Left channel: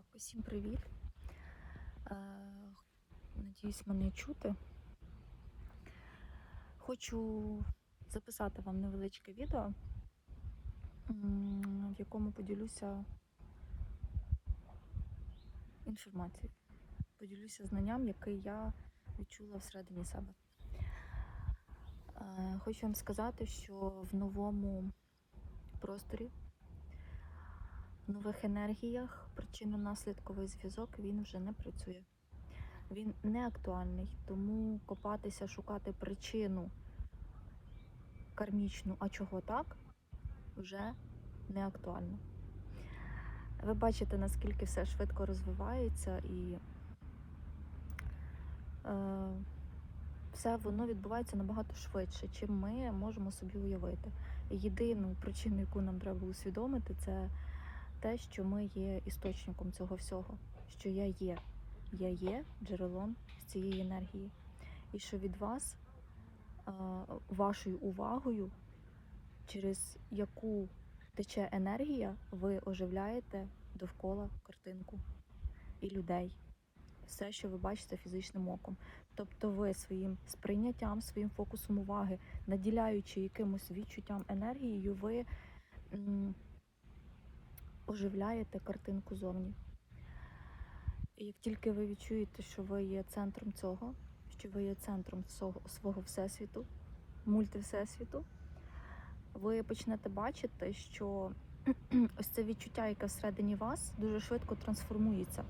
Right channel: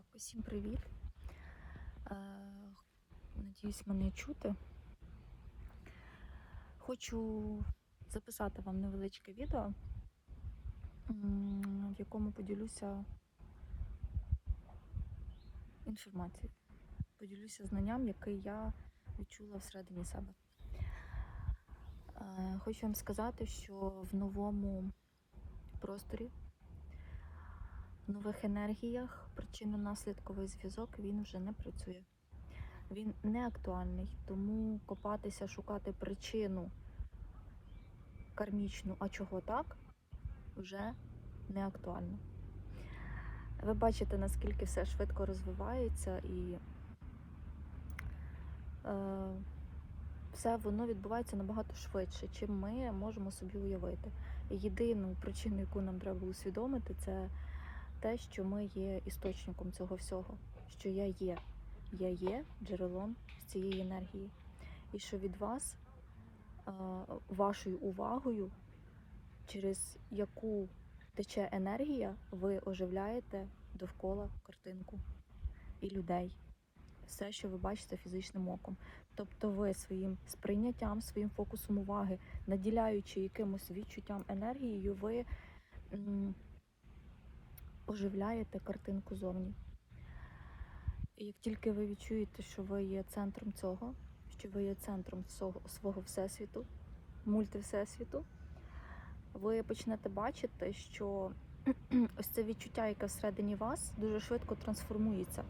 Так, усім привіт. Е, Надіюсь, мене чути. Хочу записати вам невеличке відео, в якому поділюся інформацією. Поділюся знанням, яке я відчула всередині себе. Е, Хочу вам сказати, що в новому просторі нових енергіях причинно-наслідковий зв'язок він вже не працює. Він не актуальний, тому копатися, шукати причину кармічну, а чого так, вже не актуально. Ви бачите, наскільки все швидко розвивається і е, все воно відбувається набагато швидше, чим ми можемо собі уявити. Єдину причину, яку нам треба усвідомити, це те, що ми є істочником цього всього, що я є. Я є джерелом цієї енергії. І що від вас, е, вашою увагою, через яку тече енергія, ви оживляєте довкола картинку і людей. Все, що ви бачите фізичним оком. Тобто ви своїм сприйняттям, своїм фокусом уваги, наділяючи якимось відчуттям енергією, ви оживляєте картинку зовні. І як тільки ви відчуєте, що ви є центром цього, що ви є центром свого, свого всесвіту, мультивсесвіту, ви почнете бачити, що ось це відчуття, яке всередині вас, дуже швидко трансформується.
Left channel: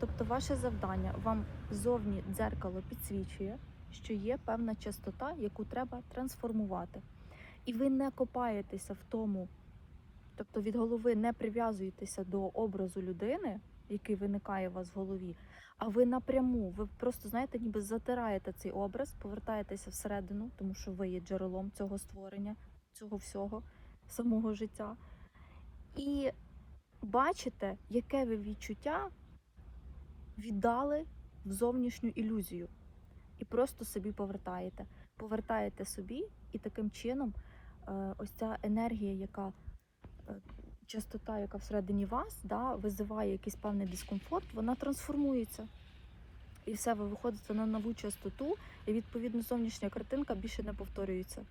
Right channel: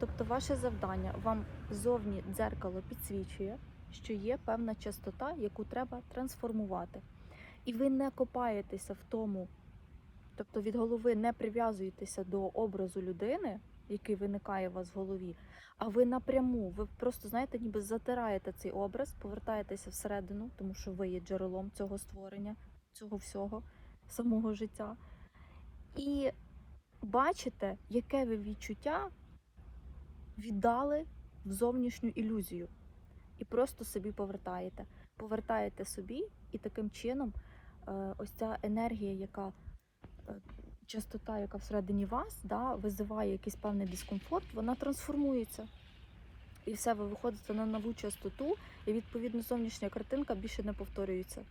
Тобто, ваше завдання вам зовні дзеркало підсвічує, що є певна частота, яку треба трансформувати. І ви не копаєтеся в тому, тобто від голови не прив'язуєтеся до образу людини, який виникає у вас в голові, а ви напряму, ви просто знаєте, ніби затираєте цей образ, повертаєтеся всередину, тому що ви є джерелом цього створення, цього всього, самого життя. І бачите, яке ви відчуття віддали в зовнішню ілюзію. І просто собі повертаєте. Повертаєте собі, і таким чином е, ось ця енергія, яка частота, яка всередині вас, да, визиває якийсь певний дискомфорт, вона трансформується. І все, ви виходите на нову частоту, і відповідно зовнішня картинка більше не повторюється.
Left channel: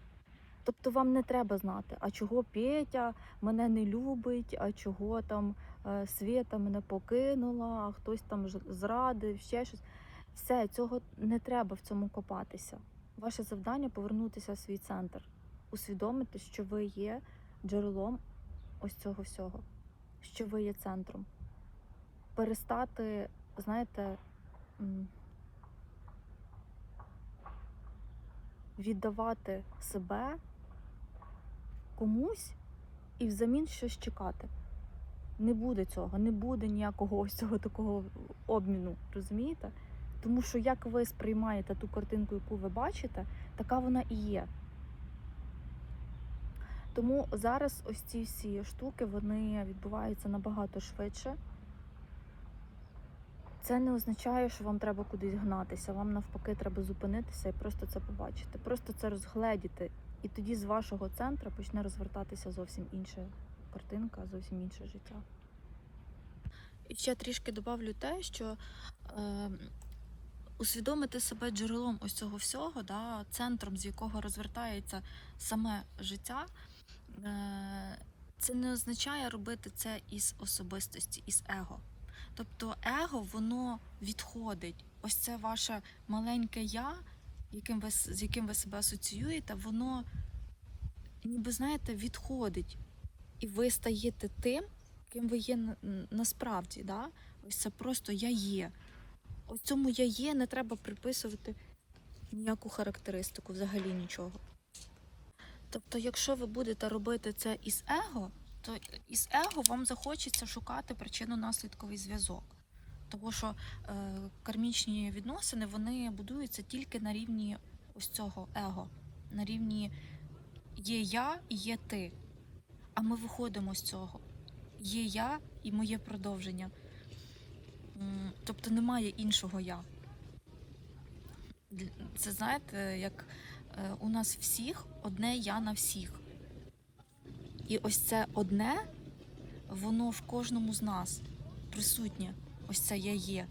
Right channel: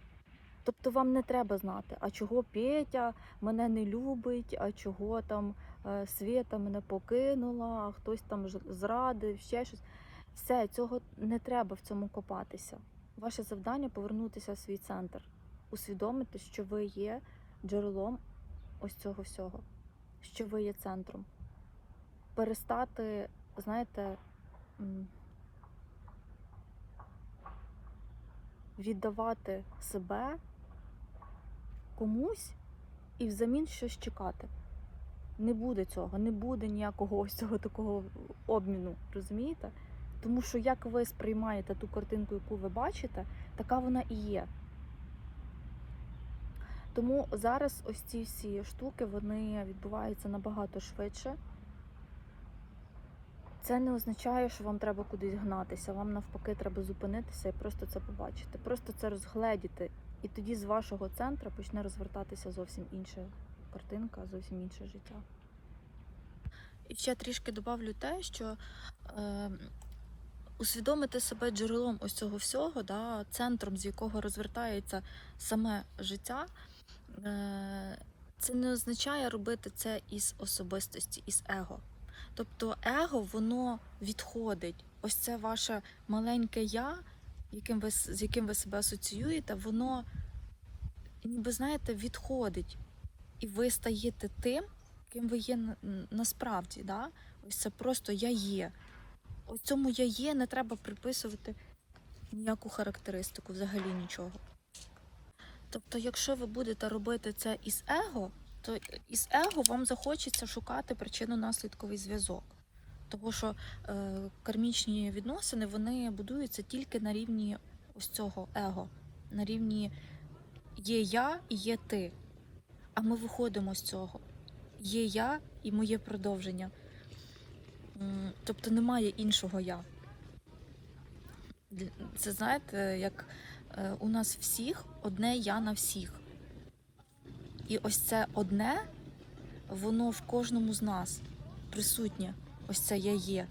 Тобто вам не треба знати, а чого Петя мене не любить, а чого там е, Свята мене покинула, а хтось там зрадив, ще щось. Все, цього не треба в цьому копатися. Ваше завдання повернутися в свій центр, усвідомити, що ви є джерелом ось цього всього, що ви є центром. Перестати, знаєте, віддавати себе комусь і взамін щось чекати. Не буде цього, не буде ніякого ось цього такого обміну, розумієте? Тому що як ви сприймаєте ту картинку, яку ви бачите, така вона і є. Тому зараз ось ці всі штуки вони відбуваються набагато швидше. Це не означає, що вам треба кудись гнатися. Вам навпаки треба зупинитися і просто це побачити, просто це розгледіти. І тоді з вашого центру почне розвертатися зовсім інша картинка, зовсім інше життя. І ще трішки добавлю те, що е, усвідомити себе джерелом ось цього всього, да, центром, з якого розвертається саме життя, це не означає робити це із особистості, із его. Тобто его воно відходить. Ось це ваше маленьке я, яким ви, з яким ви себе асоціюєте, воно ніби знаєте, відходить. І ви стаєте тим, ким ви є насправді. Да? Ось це просто я є. Ось цьому я є, не треба приписувати ніяку характеристику, взагалі нічого. Тобто, якщо ви будете робити це із его, то із его вам захочеться шукати причинно-наслідковий зв'язок. Тому що е, кармічні відносини вони будуються тільки на рівні ось цього его, на рівні є я і є ти. А ми виходимо з цього. Є я і моє продовження. Тобто немає іншого я. Це знаєте, як у нас всіх одне я на всіх. І ось це одне, воно в кожному з нас. присутнє. Ось це я є.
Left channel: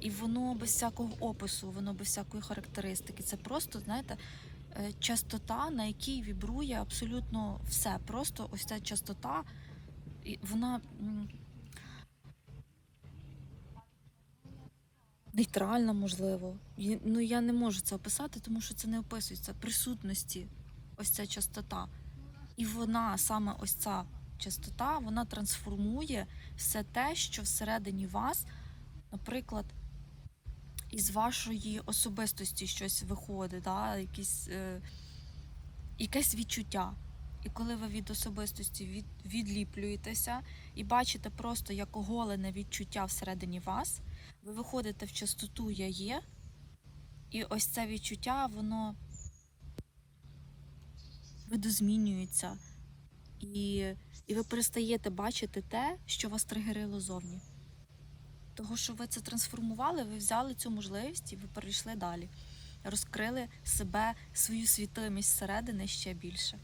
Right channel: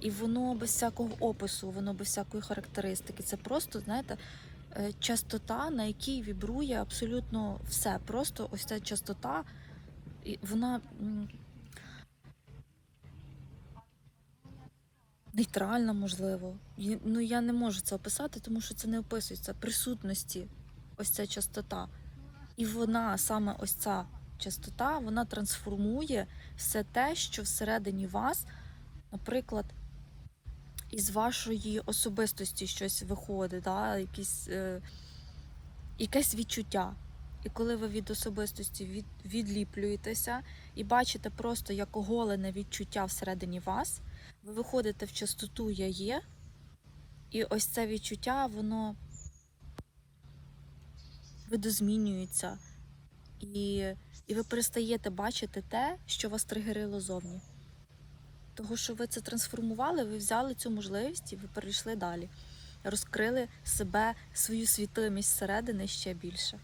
І воно без всякого опису, воно без всякої характеристики. Це просто, знаєте, е, частота, на якій вібрує абсолютно все. Просто ось ця частота, вона нейтральна, можливо. Ну я не можу це описати, тому що це не описується. Присутності, ось ця частота. І вона, саме ось ця частота, вона трансформує все те, що всередині вас, наприклад, із вашої особистості щось виходить, да? якісь, е, якесь відчуття. І коли ви від особистості від, відліплюєтеся і бачите просто як оголене відчуття всередині вас, ви виходите в частоту я є, і ось це відчуття, воно видозмінюється. І, і ви перестаєте бачити те, що вас тригерило зовні. Того, що ви це трансформували, ви взяли цю можливість і ви перейшли далі. Розкрили себе, свою світимість зсередини ще більше.